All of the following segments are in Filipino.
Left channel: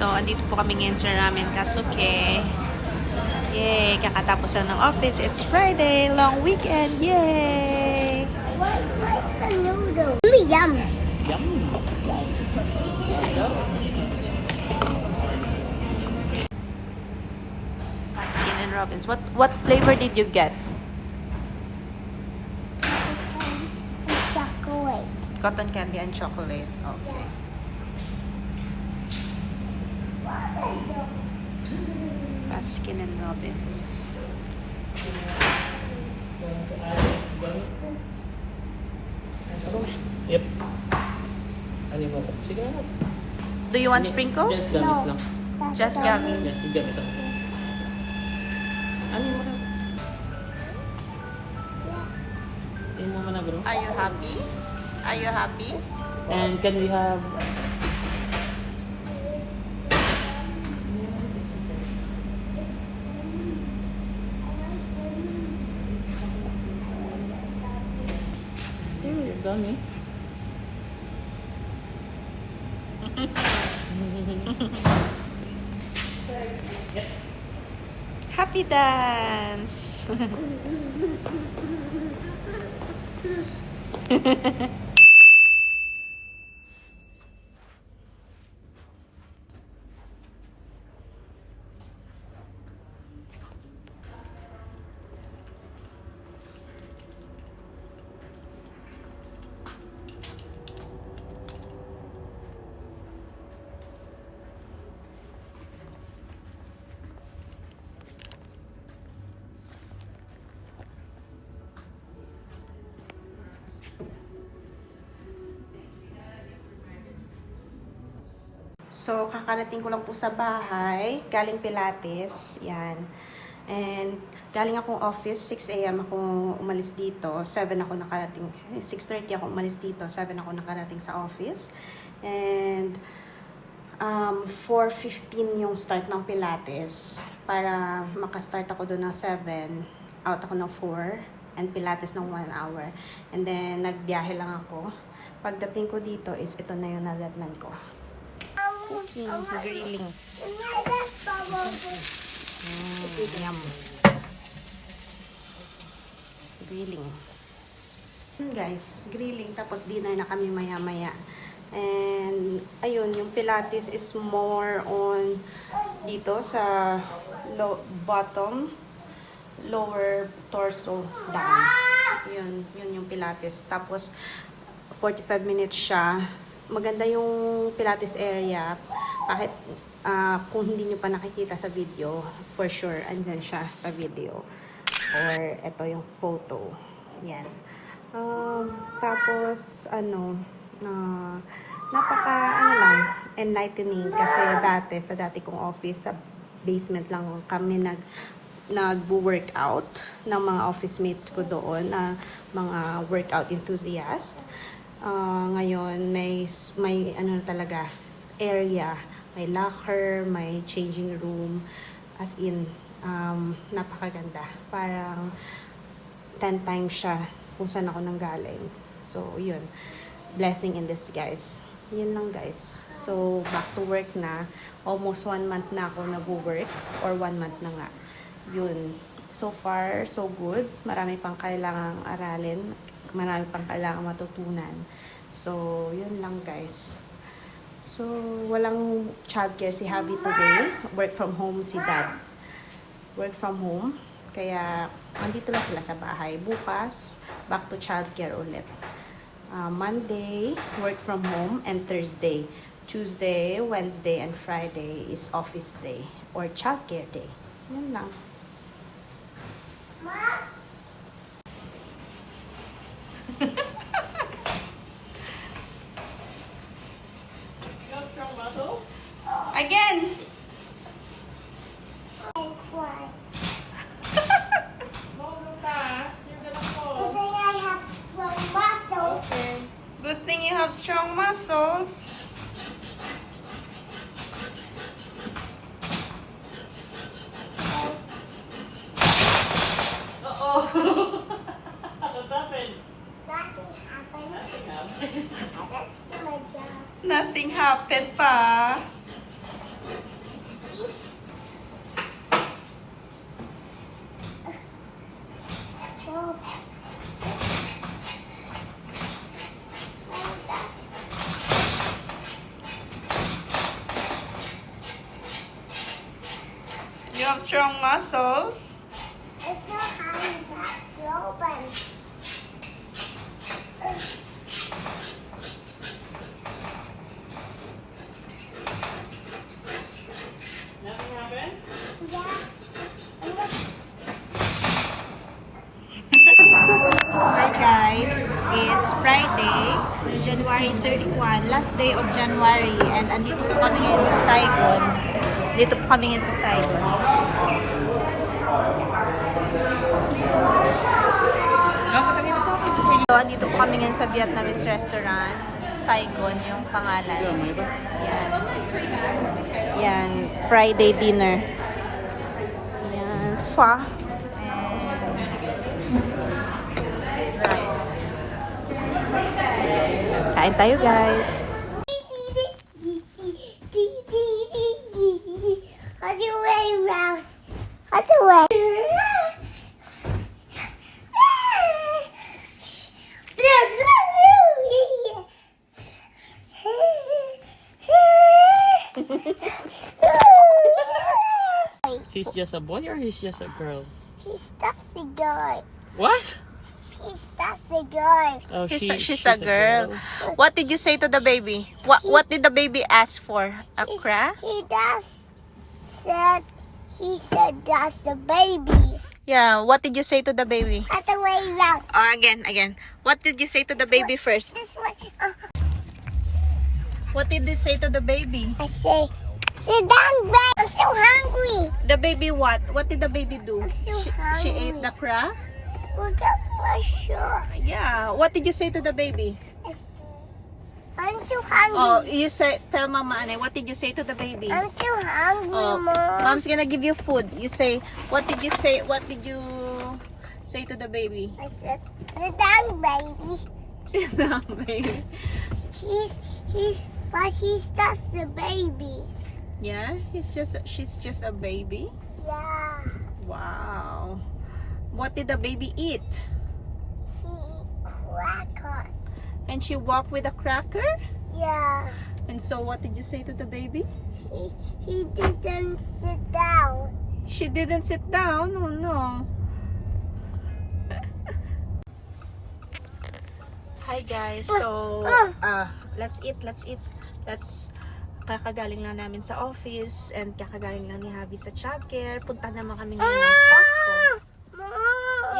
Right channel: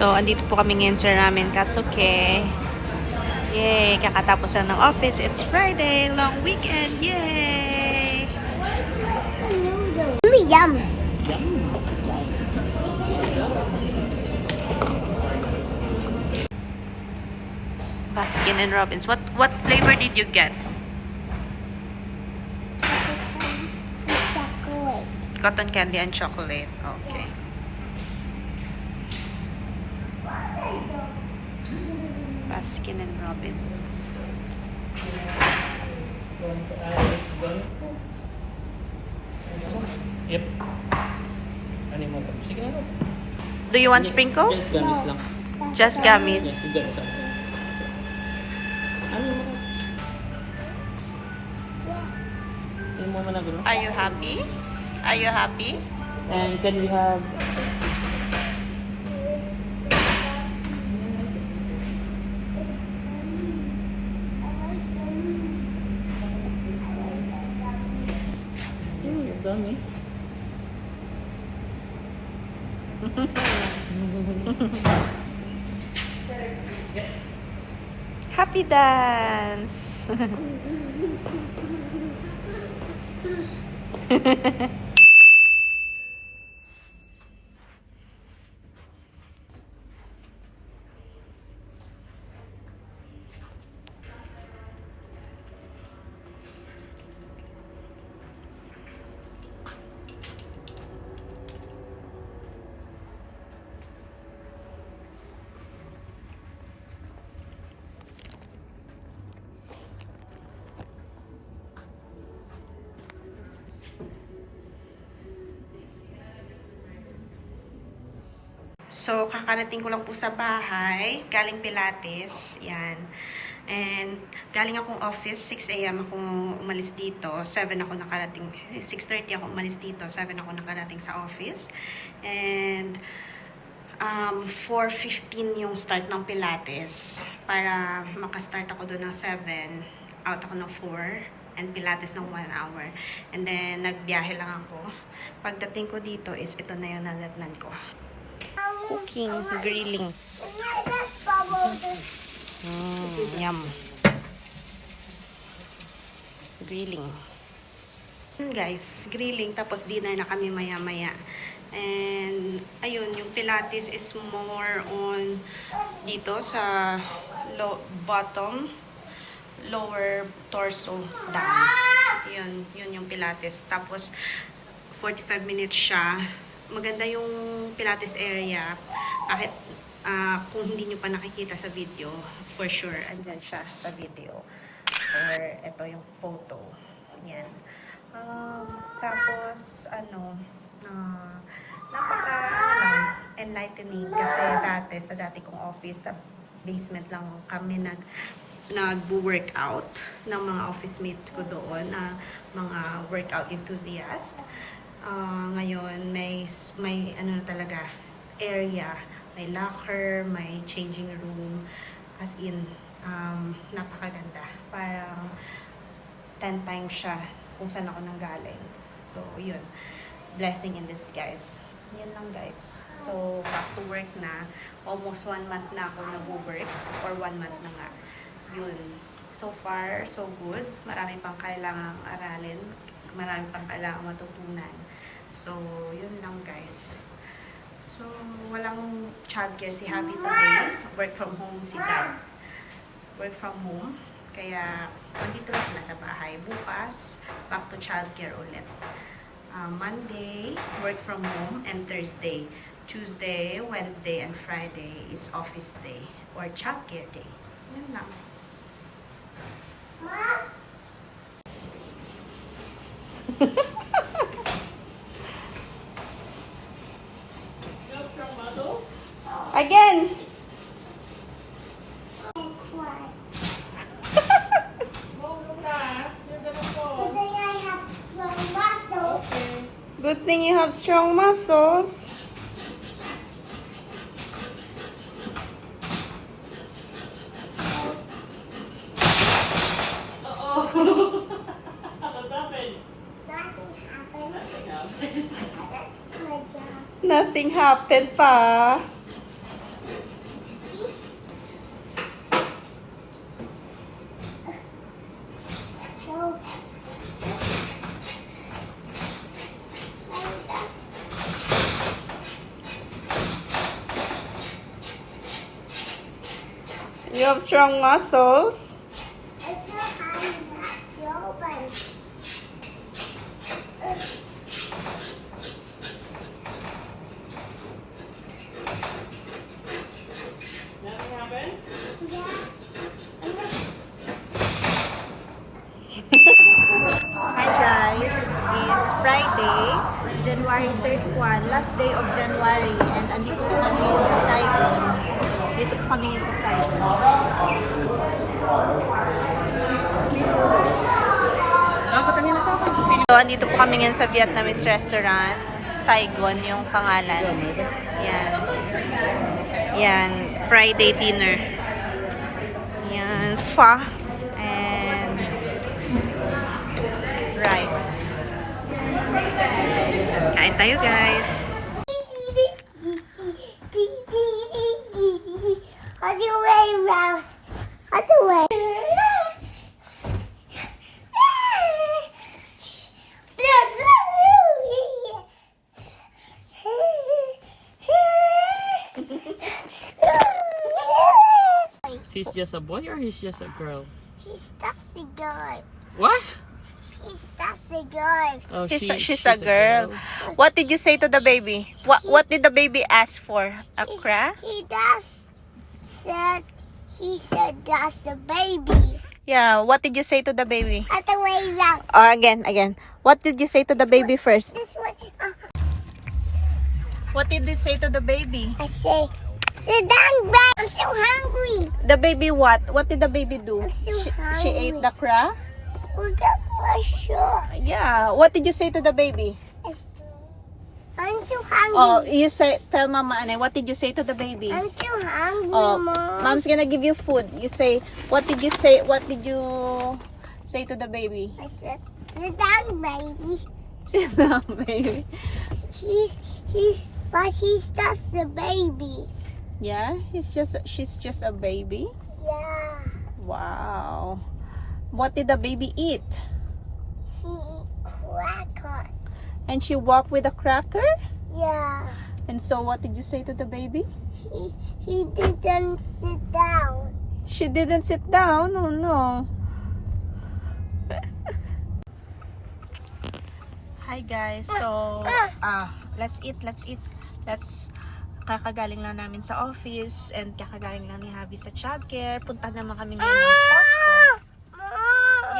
So, andito po kami ngayon sa Ramen Kasuke. Yay! Kakatapos lang ng office. It's Friday. Long weekend. Yay! What's the noodle? Yum. Yum. Baskin and Robbins. What flavor did you get? Chocolate. Cotton candy and chocolate. Okay. Baskin and Robbins. Yep. Ano mo ko? Sige na. Do you want sprinkles? Just gummies lang. Just gummies. Just gummies lang. Ano mo na? Ano mo na gano'n? Are you happy? Are you happy? And can we have... Your gummies. Happy dance! So, kakarating ko lang po sa bahay. Galing Pilates. Yan. And, galing akong office. 6 a.m. ako umalis dito. 7 ako nakarating. 6:30 ako umalis dito. 7 ako nakarating sa office. And, 4:15 yung start ng Pilates. Para makastart ako doon ng 7. Out ako ng 4. And Pilates ng 1 hour. And then, nagbiyahe lang ako. Pagdating ko dito is ito na yung nadatnan ko. Cooking, grilling. Yum. Grilling. Guys, grilling. Tapos dinner na kami maya-maya. And, ayun, yung Pilates is more on dito sa bottom, lower torso down. Yun yung Pilates. Tapos, 45 minutes siya. Maganda yung Pilates area. Kahit kung hindi nyo pa nakikita sa video, for sure, andun siya sa video. Or ito yung photo. Yan. Tapos, enlightening. Kasi dati, sa dati kong office, sa basement lang kami nag-workout ng mga office mates ko doon, na mga workout enthusiast. Ngayon, may ano talaga, area, may locker, may changing room, as in, napakaganda. Parang 10 times siya kung saan ako nanggaling. So, yun. Blessing in disguise. Yun lang, guys. So, back to work na. Almost 1 month na ako nag-work, or 1 month na nga. Yun. So far, so good. Marami pang kailangang aralin. Marami pang kailangang matutunan. So, yun lang, guys. So, walang childcare si Habi today. Work from home si Dad. Work from home. Kaya, andito lang sila sa bahay. Bukas, back to childcare ulit. Monday, work from home. And Thursday. Tuesday, Wednesday, and Friday is office day. Or childcare day. Yun lang. Again. Good thing you have strong muscles. Nothing happened pa. So, You have strong muscles. it's so high back to open. Nothing happened? Yeah. Hi guys, it's Friday, January 31, last day of January, and andito po kami ngayon sa Saigon. Dito po kami ngayon sa Saigon. So, andito po kami ngayon sa Vietnamese restaurant, Saigon yung pangalan. Yan. Yan, Friday dinner. Yan, pho and rice. Kain tayo guys. Other way around. Other way. He's just a boy or he's just a girl? He's just a girl. What? She's just a girl. Oh, She's a girl. What did you say to the baby? What did the baby ask for? A crack? He said that's the baby. Yeah, what did you say to the baby? Other way around. Again. What did you say to the baby first? This way. What did you say to the baby? I say, sit down, Brad. I'm so hungry. The baby what? What did the baby do? I'm so She hungry. ate the crack? We got for sure. Yeah. What did you say to the baby? I'm so hungry. Oh, you say, tell Mama Anay, what did you say to the baby? I'm so hungry, Oh, Mom. Mom's gonna give you food. You say, what did you say? What did you say to the baby? I said, sit down, baby. Baby. But he's just a baby. Yeah, she's just a baby. Yeah. Wow. What did the baby eat? She eat crackers. And she walked with a cracker? Yeah. And so what did you say to the baby? He didn't sit down. She didn't sit down. Oh no. Hi guys. So, let's eat. Kakagaling lang namin sa office and kakagaling lang ni Javi sa childcare. Punta naman kami ngayon ng Costco.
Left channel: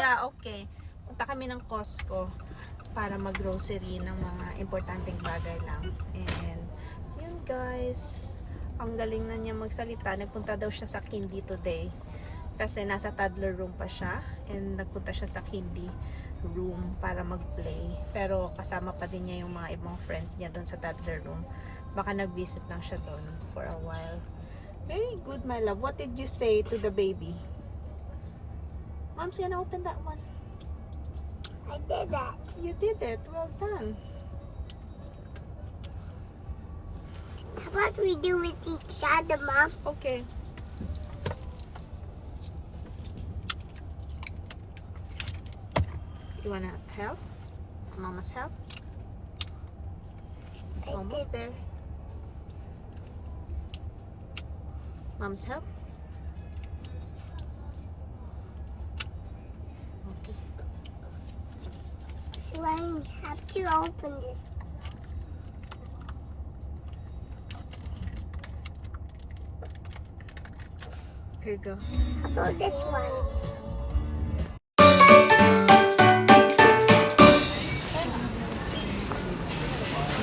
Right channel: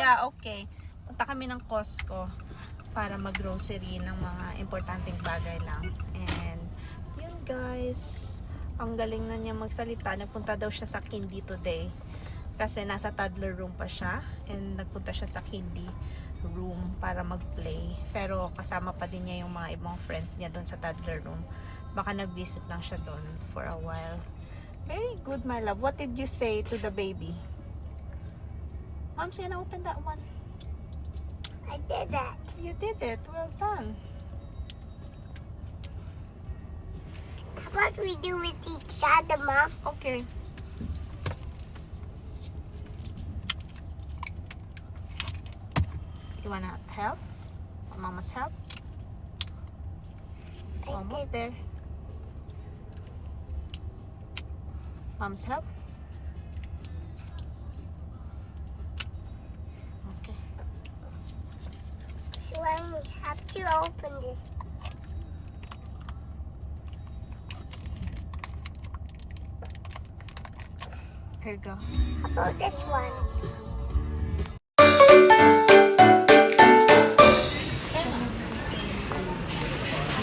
Yeah, okay. Punta kami ng Costco para mag-grocery ng mga importanteng bagay lang. And, yun guys. Ang galing na niya magsalita. Nagpunta daw siya sa Kindy today. Kasi nasa toddler room pa siya. And nagpunta siya sa Kindy room para mag-play. Pero kasama pa din niya yung mga ibang friends niya doon sa toddler room. Baka nag-visit lang siya doon for a while. Very good, my love. What did you say to the baby? Mom's gonna open that one. I did that. You did it. Well done. How about we do with each other, Mom? Okay. You wanna help? Mama's help? Almost there. Mom's help? Okay. So I have to open this. Here you go. How about this one?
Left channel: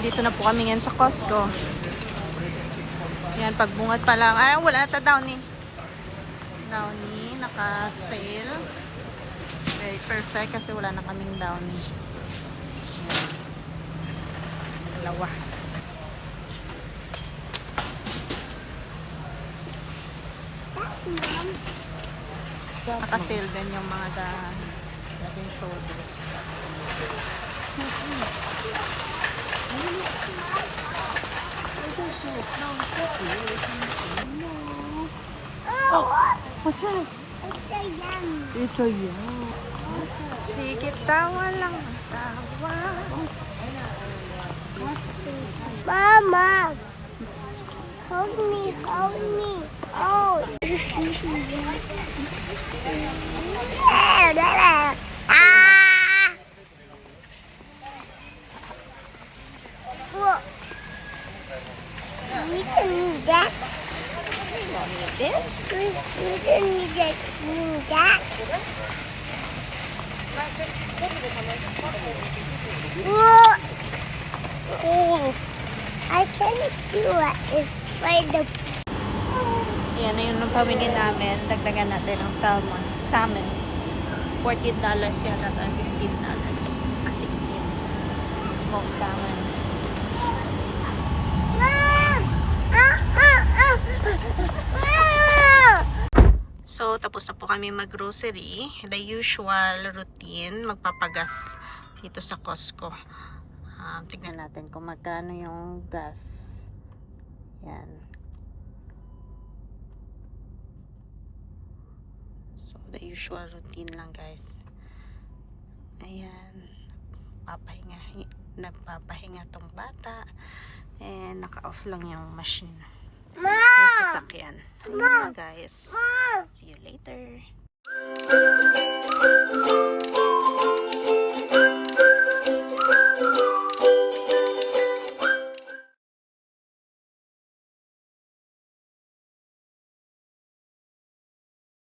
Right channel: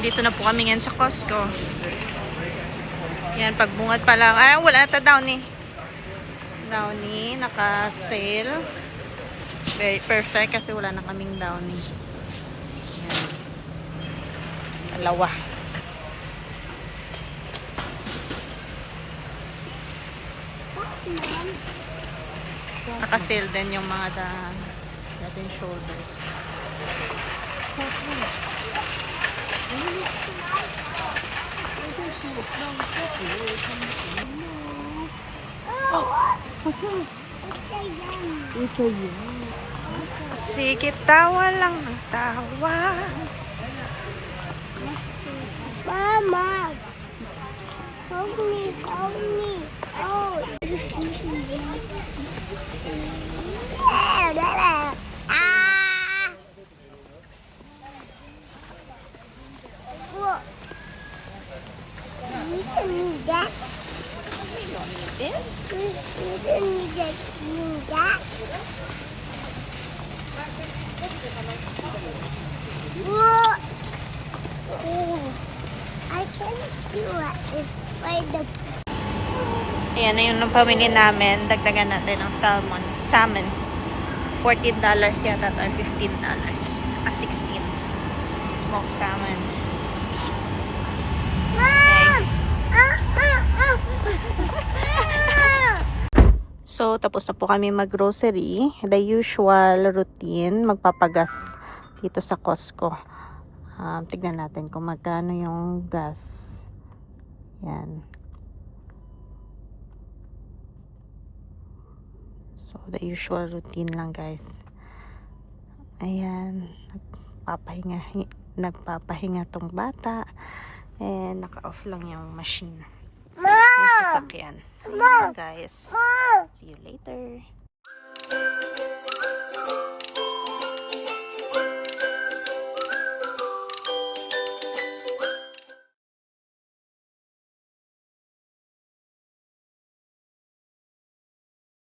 Dito na po kami ngayon sa Costco. Yan, pagbungad pa lang. Ay, wala na ta Downy. Downy, naka-sale. Very perfect kasi wala na kaming Downy. Yan. Dalawa. Mom. Naka-sale din yung mga Head and Shoulders. Oh, What's that? it's a yummy. It's a yum. Sige, tawa lang ng tawa. Mama, hold me, hold me. Oh. Ah! Look. We didn't need that. You don't need this. We didn't need that. Need that. Look. Oh. I can't do it. It's by the Ayan na yung pamili namin. Dagdagan natin ng salmon. $14 yata or $15. 16. Smoked salmon. Mom! Ah! So, tapos na po kami mag-grocery. The usual routine, magpapagas dito sa Costco. Tignan natin kung magkano yung gas. Yan. So, the usual routine lang, guys. Ayan. Nagpapahinga tong bata. And naka-off lang yung machine. Yung sasakyan. Ayan lang, guys. See you later.